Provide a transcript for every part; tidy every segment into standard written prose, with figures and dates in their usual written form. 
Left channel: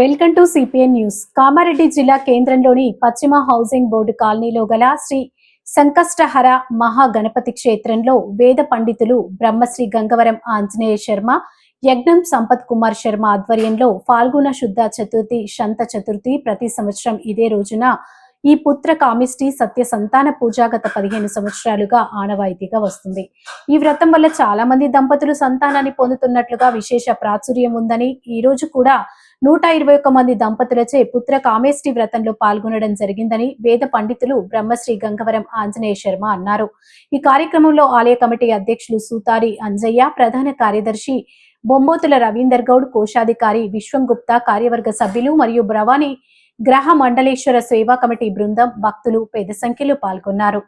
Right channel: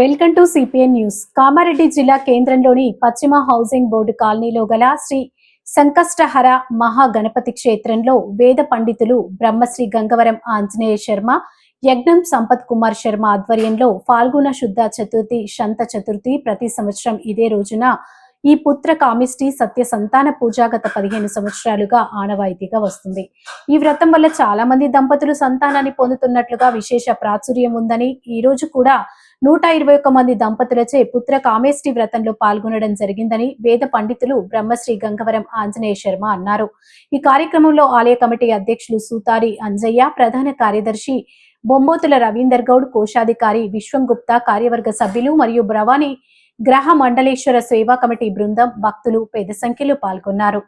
Welcome to CPN news. Kamareddy జిల్లా కేంద్రంలోని పశ్చిమ హౌసింగ్ బోర్డు కాలనీలో గల శ్రీ సంకష్టహర మహాగణపతి క్షేత్రంలో వేద పండితులు బ్రహ్మశ్రీ గంగవరం ఆంజనేయ శర్మ, యజ్ఞం సంపత్ కుమార్ శర్మ ఆధ్వర్యంలో ఫాల్గుణ శుద్ధ చతుర్థి శంత చతుర్థి ప్రతి సంవత్సరం ఇదే రోజున ఈ పుత్ర కామిష్టి సత్య సంతాన పూజ గత 15 సంవత్సరాలుగా ఆనవాయితీగా వస్తుంది. ఈ వ్రతం వల్ల చాలా మంది దంపతులు సంతానాన్ని పొందుతున్నట్లుగా విశేష ప్రాచుర్యం ఉందని, ఈ రోజు కూడా 121 మంది దంపతులచే పుత్ర కామేష్టి వ్రతంలో పాల్గొనడం జరిగిందని వేద పండితులు బ్రహ్మశ్రీ గంగవరం ఆంజనేయ శర్మ అన్నారు. ఈ కార్యక్రమంలో ఆలయ కమిటీ అధ్యక్షులు సూతారి అంజయ్య, ప్రధాన కార్యదర్శి బొంబోతుల రవీందర్ గౌడ్, కోశాధికారి విశ్వం గుప్తా, కార్యవర్గ సభ్యులు మరియు బ్రవాణి గ్రహ మండలేశ్వర సేవా కమిటీ బృందం, భక్తులు పెద్ద సంఖ్యలో పాల్గొన్నారు.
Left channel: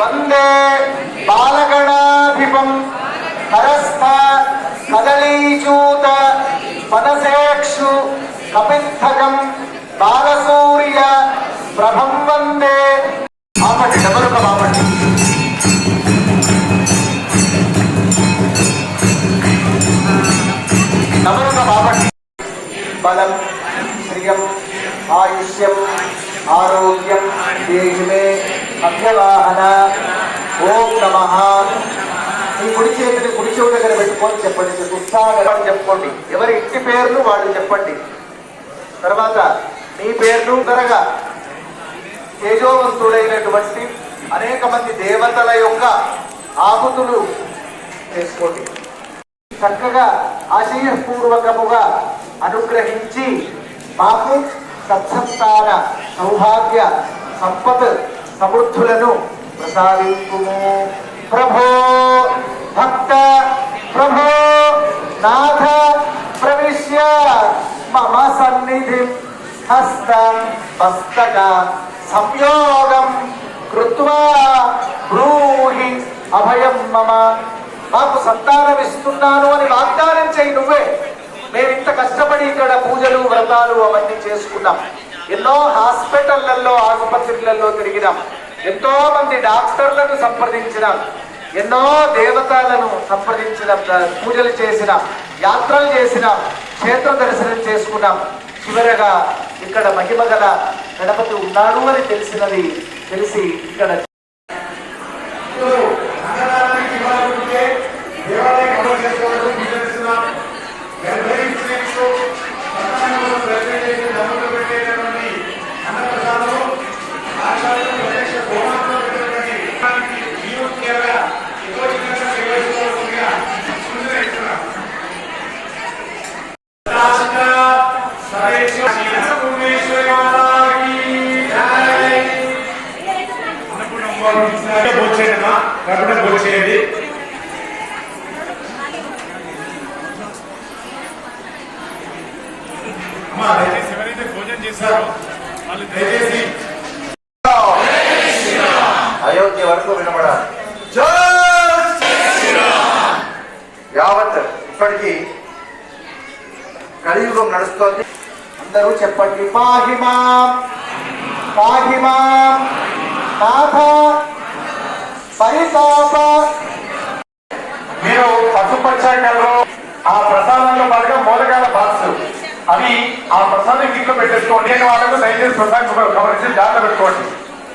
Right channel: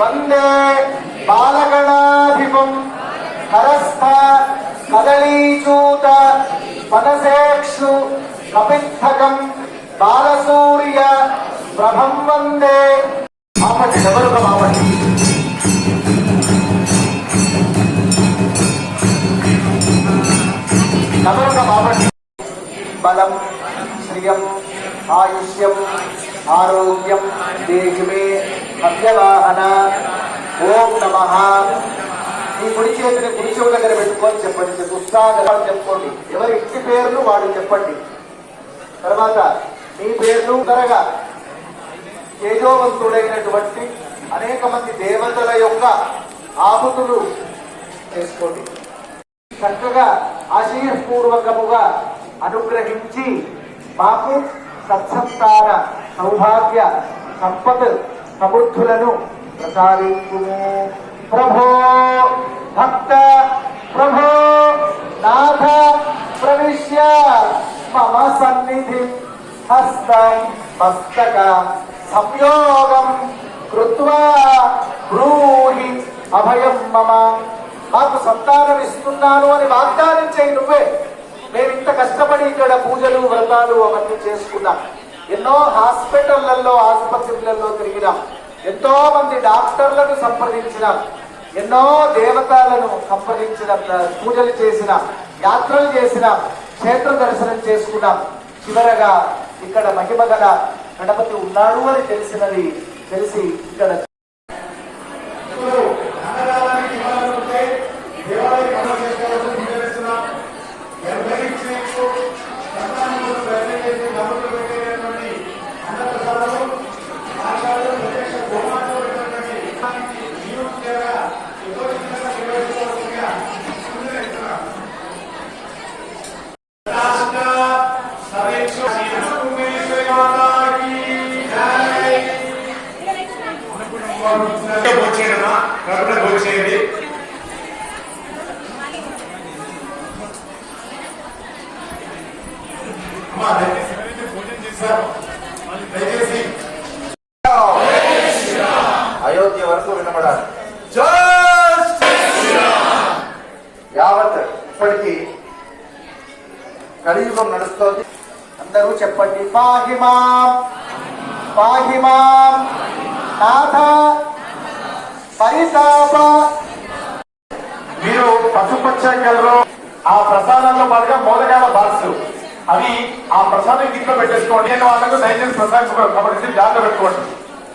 వందే బాలగణాధిపం హరస్థ కదళీచూత మనసేక్షు కపిత్తకం బాలసూర్య ప్రభం వందే. బలం, శ్రియం, ఆయుష్యం, ఆరోగ్యం దేశమే మధ్యవాహన. ఓం నమః. ఈ కుడి చేతిని కుడి చెవు దగ్గర పెట్టుకొని చెప్పండి. ఉత్సాహం చెప్పుకోండి. ఎవరి ఇంటి పేర్లు వాళ్ళు చెప్పండి. తర్వాత మీ పేర్లు త్వరగా తేజోవంతుడైనటువంటి అనేక మంది దేవతల యొక్క ఆహుతులు చేసుకోండి. చక్కగా ఆశయపూర్వకముగా అనుగ్రహించి మాకు సత్సంతాన సౌభాగ్య సంపత్ సమృద్ధులను ప్రసాదించుము. ప్రభో భక్త ప్రభో నాథ ప్రవిశ్య మమ సన్నిధి హస్త మస్తక సంయోగం కృత్వా బ్రూహి అభయం మమ. మాకు సంతానం ఇస్తున్నాను అని వాగ్దానం చేయి నువ్వే. మేము ఇంత కష్టపడి ఇక్కడ పూజలు వ్రతాలు అవన్నీ చేసుకున్నాం. ఎన్నో హాస్పిటళ్లలో ఆసుపత్రులలో తిరిగినాం. ఎంతో మంది డాక్టర్లను సంప్రదించినాం. ఎన్నో దేవతలను సంప్రదించినాం. పూజలు చేసినాం, యాత్రలు చేసినాం, క్షేత్ర దర్శనం చేసుకున్నాం. చివరగా ఇక్కడ మహిమగల గణపతి ఉన్నాడు అని తెలిసి ఇక్కడ వచ్చేది. ఎవరైతే భోజనం చేశారో వాళ్ళు దయచేసి అయోధ్య వరకు వినబడాలి. యావత్ ఇప్పటికీ కలియుగం నడుస్తోంది. అందరూ చెప్పండి. పాహిమాం పాహిమాం నాథ పరితాప. మీరు పశుపక్షంలో ఆ ప్రసాదంలో పాటుగా మోదకాల బాక్స్ అవి ఆ ప్రసాదం ఇంట్లో పెట్టేసుకోండి. నేను వాళ్ళకు దయచేసి ప్రసాదం గమనించి జాగ్రత్త పెట్టుకోండి.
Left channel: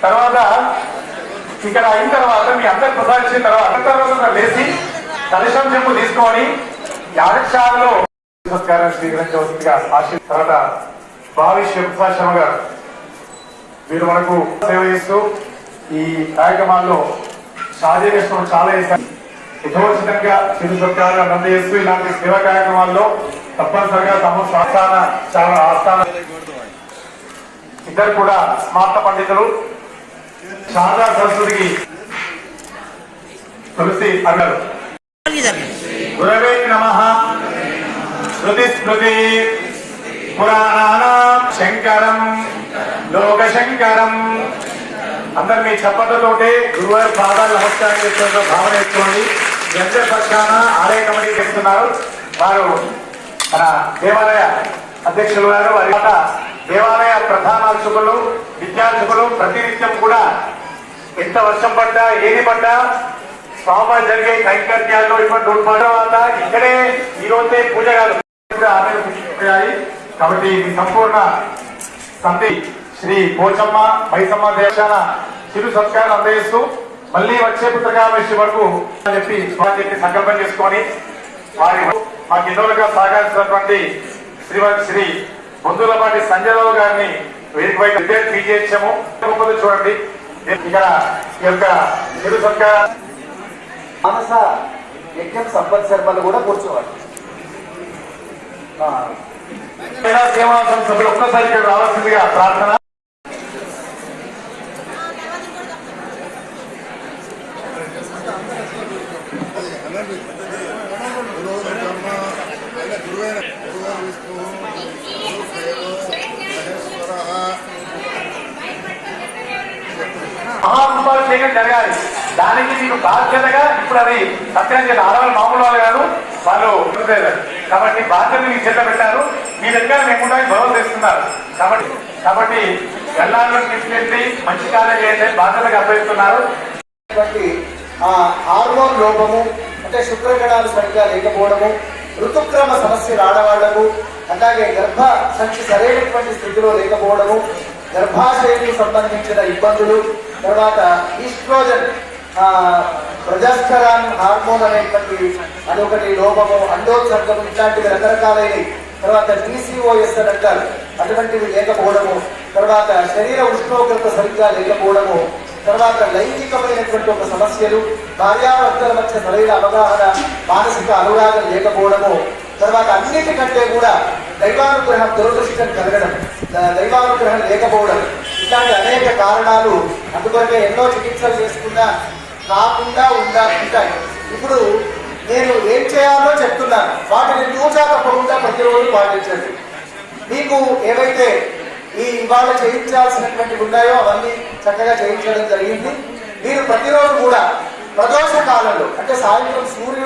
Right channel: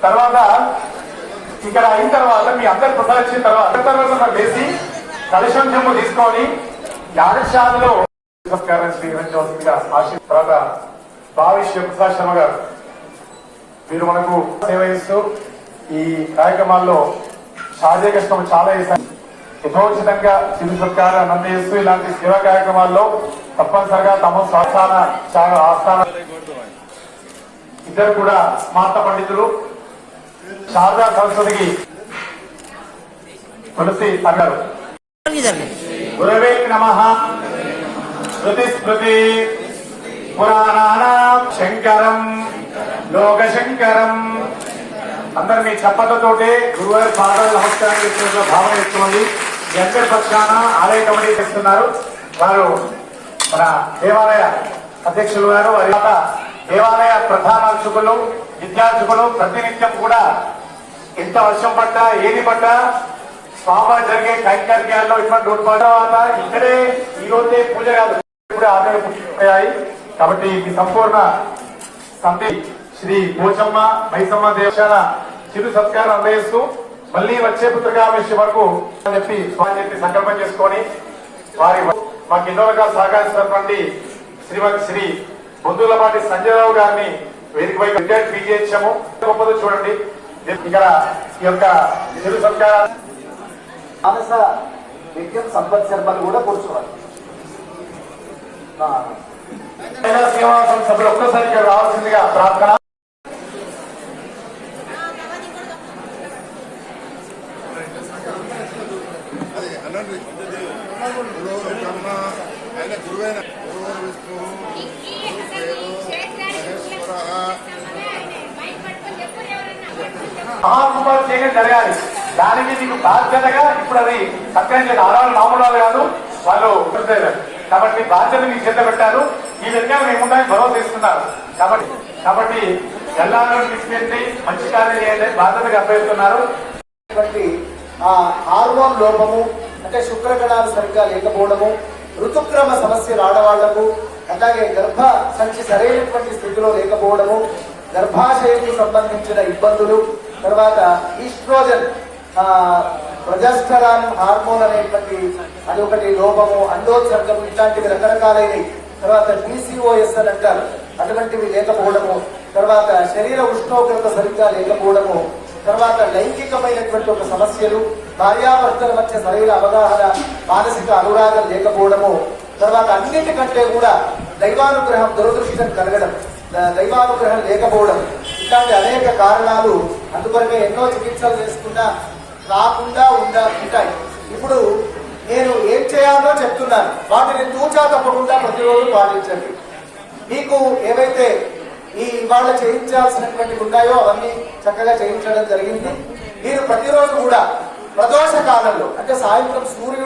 తర్వాత ఇక్కడ అయిన తర్వాత మీ అందరు ప్రసాదం ఇచ్చిన తర్వాత లేచి కలశం చెంపు తీసుకొని యాగశాలలో నమస్కారం స్వీకరించవలసిందిగా తర్వాత భావి శివశర్మ గారు మీరు మనకు సేవ చేస్తూ ఈ కార్యక్రమాల్లో సాధ్య కష్టం చాలా చేశారు. యథోచితంగా చిరు సత్కారంగా అందజేస్తూ ఇలాంటి సేవా కార్యక్రమాల్లో తప్పనిసరిగా తమ చాలా ఆస్థాన ఇద్దరు కూడా స్మార్త పండితులు శారదా సరస్వతికి తులసి అన్నారు. గురవే నమః. స్మృతి స్మృతి పురాణానాం శంకరం లోకశంకరం. అందరు మీ చప్పట్లతోటి గురువారి పాదాలు నమస్కారం చేస్తున్న భావన చేసుకోండి. అందరి పక్షాన ఆలయ కమిటీ చేస్తున్నారు. వారు మన దేవాలయ అధ్యక్షులు గారు, వారి దేవాలయ ప్రధానార్చకులు, విద్యార్థులు ప్రతినిత్యం కూడా ఎంత వర్షం పడ్డా ఏది పడ్డా స్వామి జరిగే కైంకర్యాల్లో ఇటువంటి ఉంటుంది. తర్వాత ఇక్కడే ఈ రోజే పూజ ఆదాయి కాబట్టి ఇది సంపూర్ణ సంతి శ్రీ పోచమ్మ మైసమ్మ దేశాల చిరు సత్కారం అందజేస్తూ మళ్ళీ వచ్చే పుస్తకామేశ్వరి వరకు అని చెప్పి స్వామి చెప్పి సంకల్పం చేసుకొని వారి మాకు ఎన్నోగా సహకరిస్తున్నటువంటి శ్రీ బొందులపాటి సంజయరావు గారిని వేదికపై విజయించాము. గొప్పది చూడండి ఇక్కడ ఈ యొక్క చిరు సత్కారం మానస యజ్ఞం సంపత్ శర్మలు కూడా కూర్చోవాలి. మహిళా సేవా సంస్థ సభ్యులు ఒక్కసారి ఇక్కడ రావాల్సిందిగా ప్రార్థన. మహానుభావం చేయడం జరగాలి. దానికి మీకు బాధ్యతగా ఇప్పుడు అది సత్యం చేయాలి. ఆడవాళ్ళు మామూలు వాళ్ళు కాదు, వాళ్ళు కాబట్టి బాధ్యత మీకు చేత పెట్టారు. ఈ విధంగా లేకుండా గొడవ చేస్తున్నారు. కాబట్టి వెళ్ళాలని తీసుకెళ్ళి మంచి కార్యం చేయాలని బాధ్యతగా అప్పగిస్తున్నారు. హార్మోన్ లోపము అంటే శుక్రకణాలు సరిగ్గా లేకపోవడము, ఋతుక్రమ సమస్యలు ఆడవాళ్లకు, అలాగే గర్భ సంచి సరైనటువంటి స్థితిలో లేకపోవడము, గర్భాశయానికి సంబంధించిన ఇబ్బందులు, తర్వాత ఈస్ట్రోజన్ ప్రజాస్టరాన్ హార్మోన్ అనేటువంటి అదొకటి లోపము, అండోత్సర్గం ఇట్లాంటివి రకరకాలైనవి, తర్వాత DCOS అని అంటారు అటువంటివి లేకపోవడము, తర్వాత శరీర ఉష్ణోగ్రత సరిగ్గా లేకపోవడము, తర్వాత లైంగికమైనటువంటి ఒక సమస్యలు, భార్యాభర్తల మధ్య సరైన అవగాహన, మానసిక అనురాగం లేకపోవడము, తర్వాత అన్నిటికంటే కూడా దైవానుగ్రహం దురదృష్టం కలగడం, దైవానుగ్రహం లేకపోవడం, ఇట్లాంటి అనేక కారణాలు. అందుకొరకే ఎన్నో చికిత్సలు చేసుకున్నా రాకుండా ఉంటాయి. ఇప్పుడు నేను ఏం చేయాలో చెప్తున్నాను, వాటిని తూచా తప్పకుండా ప్రతిరోజు పాటించండి. మీకు ఏవైతే ఇవాళ చేయించాల్సినటువంటి ఉన్నాయో అవన్నీ చక్కగా చేయించడం జరిగింది. మీరు ప్రతిరోజు కూడా ప్రదోష కాలంలో అంటే సాయంత్రం సూర్యుడు